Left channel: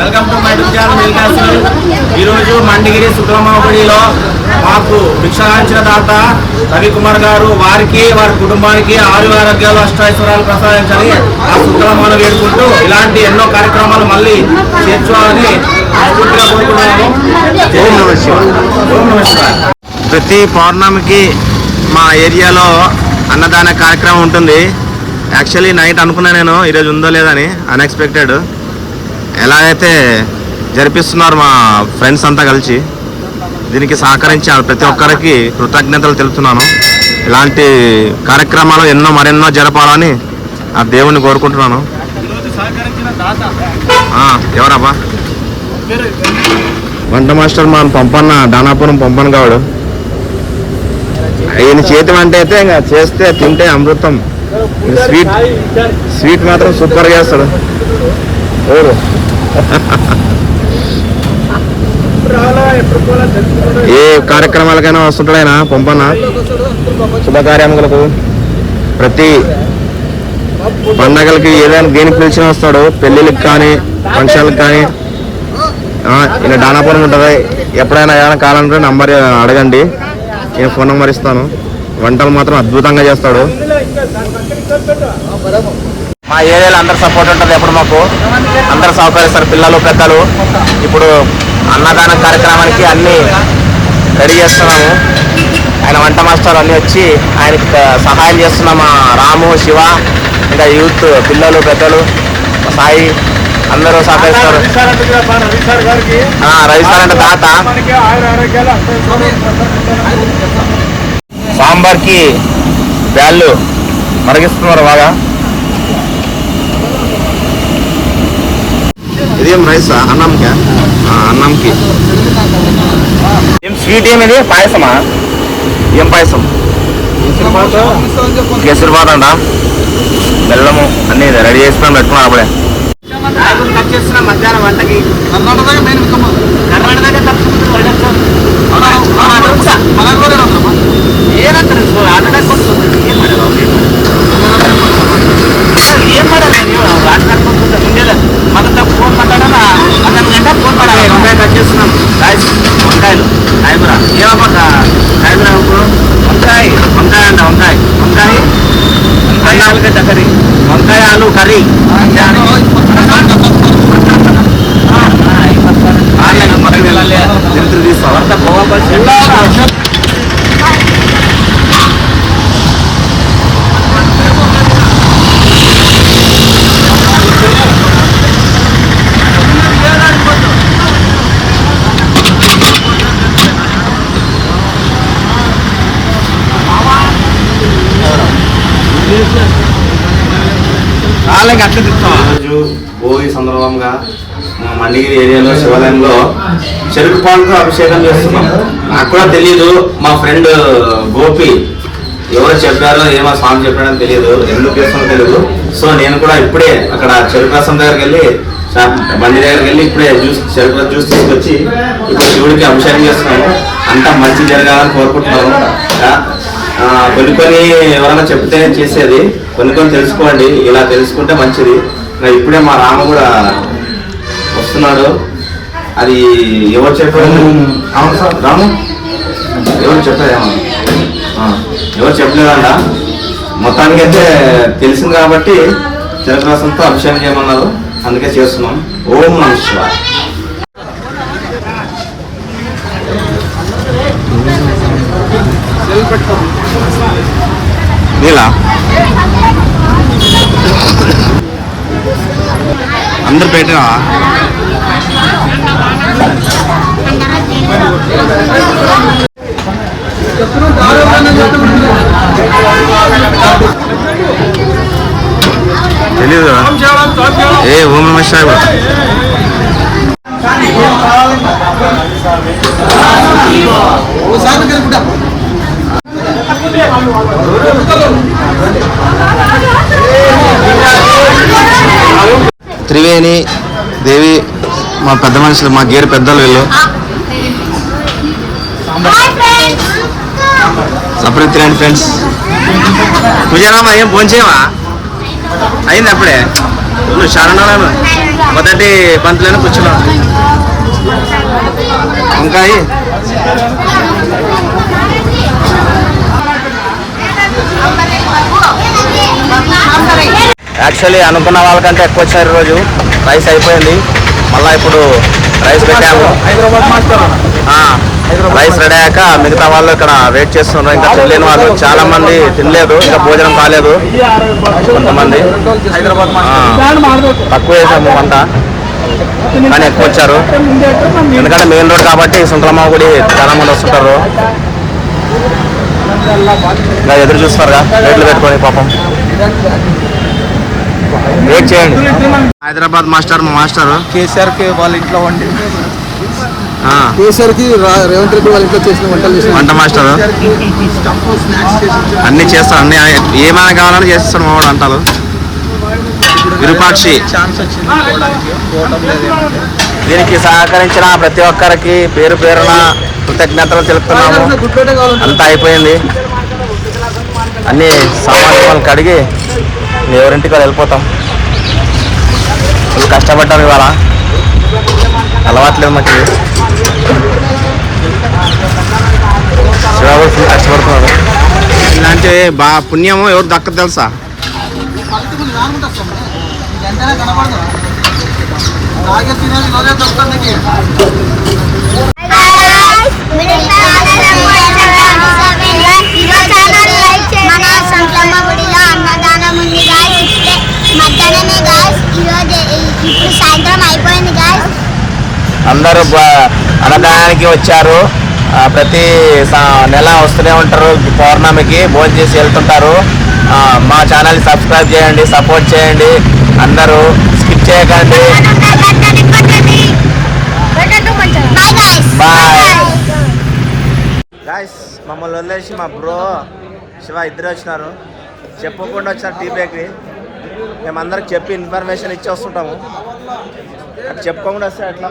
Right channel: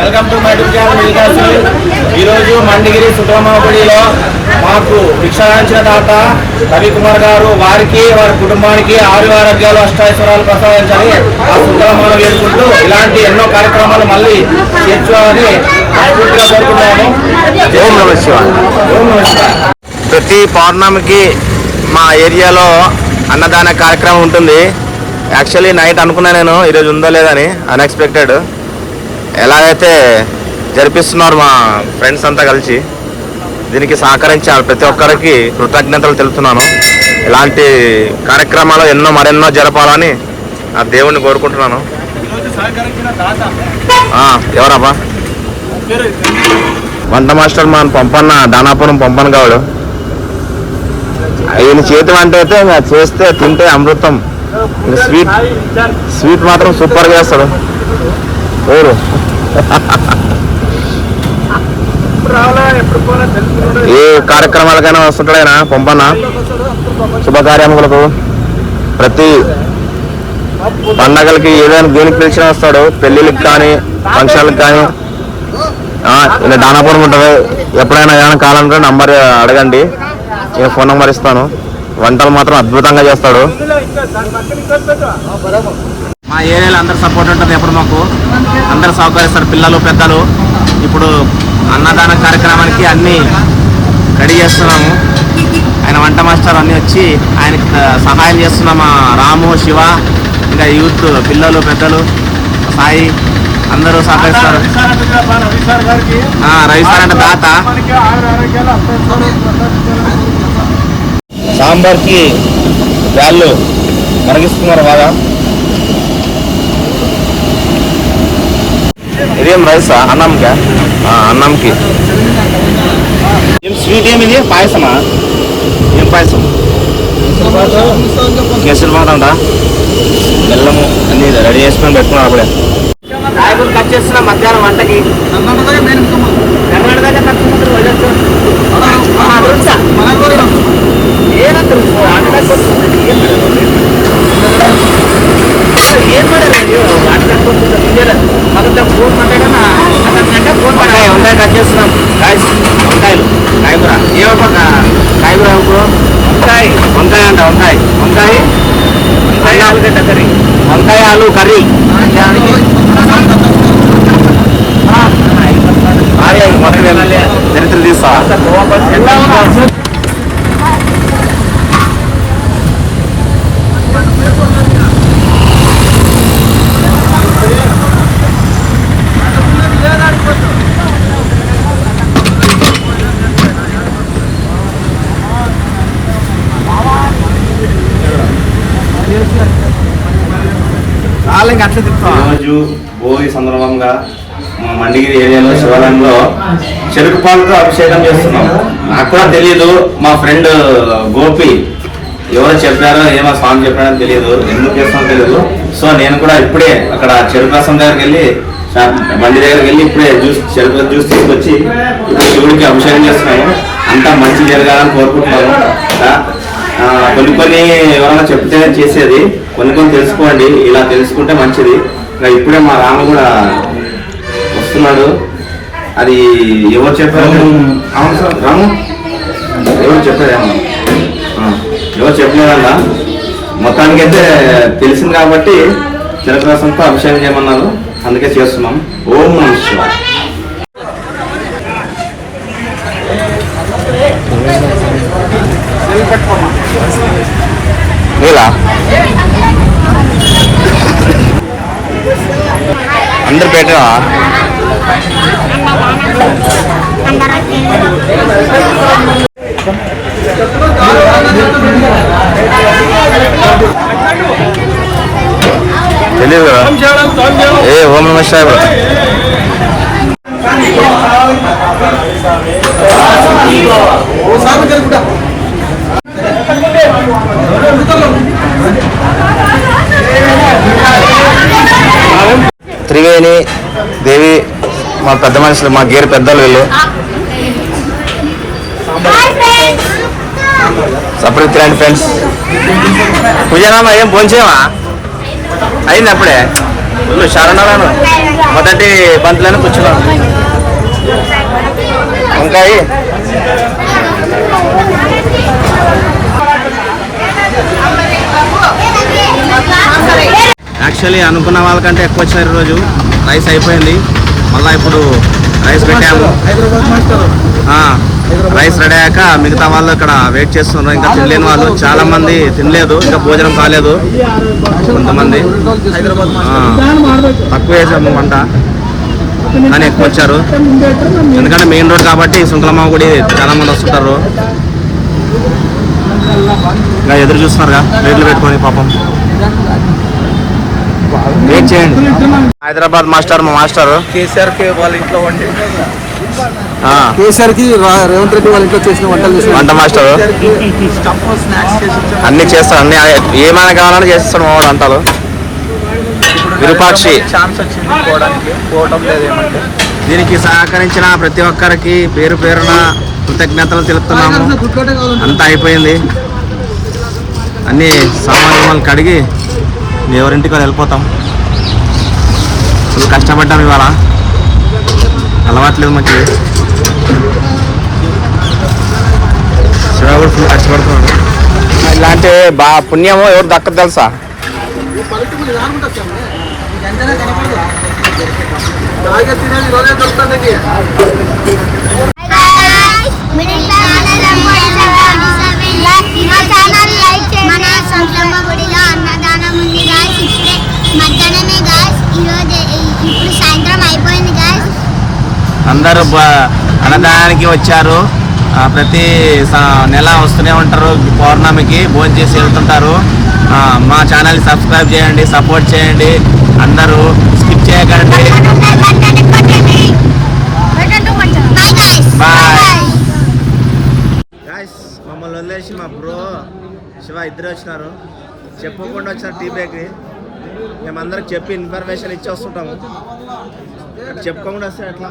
Welcome to my channel. ఈరోజు మండిగిరి సుబ్రహ్మణ్యపుడిలో మాకు భిక్షాంచిన దాత రవికుమార్ గారు వారికి వారి కుటుంబానికి ఆరు ఆరోగ్యాలు అష్టైశ్వర్యాలు ప్రసాదించాలని ఆ సుబ్రహ్మణ్యం వేడుకుంటూ ఇలాంటి ఎన్నో కార్యక్రమాలు మళ్ళీ చేర్చుకోవాలని పూర్తిగా కోరుకుంటున్నాము. ఓం నమః శివాయ. ఓం నమః శివాయ. ప్రతి పౌర్ణమికి మా ఏరియాలో అన్నదాన కార్యక్రమం ఉంటుంది. యాక్చువల్లీ నైట్ అనుకున్నా నేను ఈరోజు ఉందో లేదని, అన్ఎక్స్పెక్టెడ్. ఎలాగైతే జరిపిస్తున్నారు మా ఫ్రెండ్స్ అంతా కలిసి, దీనికి సహకరించిన ప్రతి ఒక్కరికి కృతజ్ఞతలు తెలుపుతున్నాను. ఇలాంటి కార్యక్రమాలు మరెన్నో జరపాలని ఆ దేవుణ్ణి కోరుకుంటున్నాను. ఎవరబ్బా? వంట మాస్టర్ మన పంపన్న, దానాపురం పంపన్న కావాడు. ఆయన చేతి వంట అయితే ఇంకా చేస్తే తింటే అమృతం. స్వీట్ మాత్రం సూపర్గా చేస్తాడు. ఏ కార్యక్రమాలకైనా వస్తుంటాడైనా పంపన్న. శుభకార్యములకు ప్రతి పండగలకి ఏదైనా దేనికి పిలిచిన వస్తాడు. పెళ్ళిళ్ళకి కానీ ఫంక్షన్లకు కానీ. ఇలా దానాపురం ఉంటుంది. ఎప్పుడైనా ఏమైనా కావాలంటే నంబర్ అడగండి, నేను ఫోన్ నెంబర్ ఇస్తాను. వంటలు మాత్రం అద్భుతంగా చేస్తాడు. మా ఏరియాలో అందరు సపోర్ట్ ఉంటుంది. ఎప్పుడు మాకు అందరు సహకరిస్తారు, పిల్లలు పెద్దలు. ఇప్పుడు అన్నదాన కార్యక్రమానికి అన్నీ రెడీ చేస్తున్నాము. ఆయన వంట మాస్టర్ అన్నీ వచ్చి ఆయనకి సహాయం చేస్తున్నాం. మా రాము, శివ, ఇంకా యూత్, పిల్లలు పెద్దలు, సాయి అందరూ సహకరిస్తారు. రవి సార్ అంటే తాత. సాంబార్కి బ్యాళ్ళు మరిగిస్తున్నారు బాగా. ఇదేం రైసా? అన్నంకా? అన్నంకి ఏం స్వీట్? ఏమిది పాయసమా? ఏం పాయసం? కేసరిబాత్ అంట. బెల్లము అన్ని రెడీ చేసుకొని పెట్టుకున్నారు అప్పుడే. కట్ చేస్తున్నా మధ్యాహ్నం వంటకి. ఏం వంకాయ కట్ చేస్తున్నాం. వంకాయలు కాయగూర. ఏమబ్బా కాయగూర? ఇప్పుడు వంకాయ అంట. వంకాయ ఆలుగడ్డ కర్రీ. వంకాయ ఆలు కర్రీ. మొత్తం చరిత్ర తీస్తా. రోజు భోగి సందర్భంగా మా మండిగిరి ఏరియాలో శివాలయంలో చెరుకు పాలతో అభిషేకం చేస్తున్నాం. నాకు కూడా తెలియదు, మా ఫ్రెండ్ గోపి ఎవరో చెప్పారో, ఏమో స్వామి చెప్పాడని తెలియదు, ఎందుకు చేస్తామో తెలియదు. సో నేను కూడా ఇప్పుడే అక్కడ చెరుకు రసం దగ్గరికి వెళ్ళి, మంది దగ్గరికి వెళ్ళి ఇప్పుడే చెరుకు జ్యూస్ తీసుకొచ్చి ఇప్పుడు శివుడికి అభిషేకం చేస్తున్నాము. అంతా మంచి జరగాలని కోరుకుంటున్నాను. కొన్ని ఎవరైనా చెప్తే చేసేది, కొన్ని తెలుసుకోండి. ఇలా తెలుసుకుంటే మంచిది. ఇప్పుడే మా రామ కూడా వస్తున్నాడు. అది ఎవరు చెప్పారు? అవును సార్, రాము ఎవరు చెప్పలేదేమో, ఎవరు చెప్పలేదన్న. మొత్తానికి అయితే తెలిసింది కాబట్టి చెరుకు రసంతో అభిషేకం చేయమన్నారు, అందుకే చేస్తున్నాం. ఓం నమః శివాయ. నీలా అందరు పెట్టినా తెలియదు కదా. ఓం నమః శివాయ కూడా. త్రివేణి దేవి మా పెద్ద మనుషులు, మా గేరు పెద్దలు వీళ్ళు. సపరేట్ తినండి ఫ్రెండ్స్. పూజనామా ఏం భోంచేవా? అయింది అప్పుడే. శరణాలను మొదటి ఇట్లాంటి బంతులను కూర్చున్నాం. వంకాయ యాక్చువల్లీ అనుకున్న వాళ్ళకంటే ఎక్కువ వచ్చారు ఈరోజు. రైస్ అయిపోయింది, మళ్ళీ ఇప్పుడు రైస్ పెట్టాము. రైస్ రెడీ అయ్యాక మిగతా వాళ్ళు ఇక్కడ వెయిట్ చేస్తున్నారు. ఇంకా తినలేని వాళ్ళు చాలా మంది తినలేదు, ఇంకా భోజనం కాలేదు. కొంతమంది తక్కువ చేసాము వంట, కానీ ఎక్కువ వచ్చారు. ఎందుకంటే మెయిన్ రోడ్ కాబట్టి సుంకలమ్మ గుడి చాలా మంది వస్తుంటారు. ఇంకా ఎదురు చూస్తున్నారుగా రేట్లు పెట్టుకొని పాపం. వెయిట్ చేయండి. హైదరాబాద్ మాస్టర్, మా మాస్టర్ కేసీఆర్ కి వాళ్ళ ఇంట్లో వండి కేసీఆర్ కి రేవంత్ రెడ్డి వాళ్ళ ఇంట్లో చేసిన వంట మాస్టర్ అన్ని చేస్తాడు. అన్ని ఏమైనా కావాలని చేస్తాడు మా వాడు వంటలు. విరూపాక్షి దీనికి సహకరించిన ప్రతి ఒక్కరికి పేరు పేరున కృతజ్ఞతలు తెలుపుతున్నాము. అంతా అయిపోయింది, అన్ని సామాన్లు కడిగి ఎవరింటికి వెళ్ళిపోతాం. ఫుల్ కష్టపడ్డాం ఇవాళ, అలవాట్లేదు మాకు. శివరావు ఫుల్ కష్టపడుతున్నాడు. ఇలాంటి పుణ్యము ఎవరు దక్కదు తెలుసా? అందరూ అన్నదానానికి వచ్చారు. ప్రతి నెల వస్తూనే ఉంటారు. పౌర్ణమికి భోజనం చేసి వెళ్తుంటారు. మా ఛానల్ సబ్స్క్రైబ్ చేయండి, సపోర్ట్ చేయండి. అందరూ స్కిప్ చేయకండి. Bye guys. మమ్మల్ని వదిలేసి మా బ్రో శివ ఇద్దరు వచ్చినారు. చెప్పకుండా వచ్చినారు టీ బ్రేక్కి. మేమందరికి చెప్పి ఇన్ఫర్మేషన్ ఇచ్చి వస్తుంటాము. చెప్పుకోకుండా వస్తే ఎట్లా?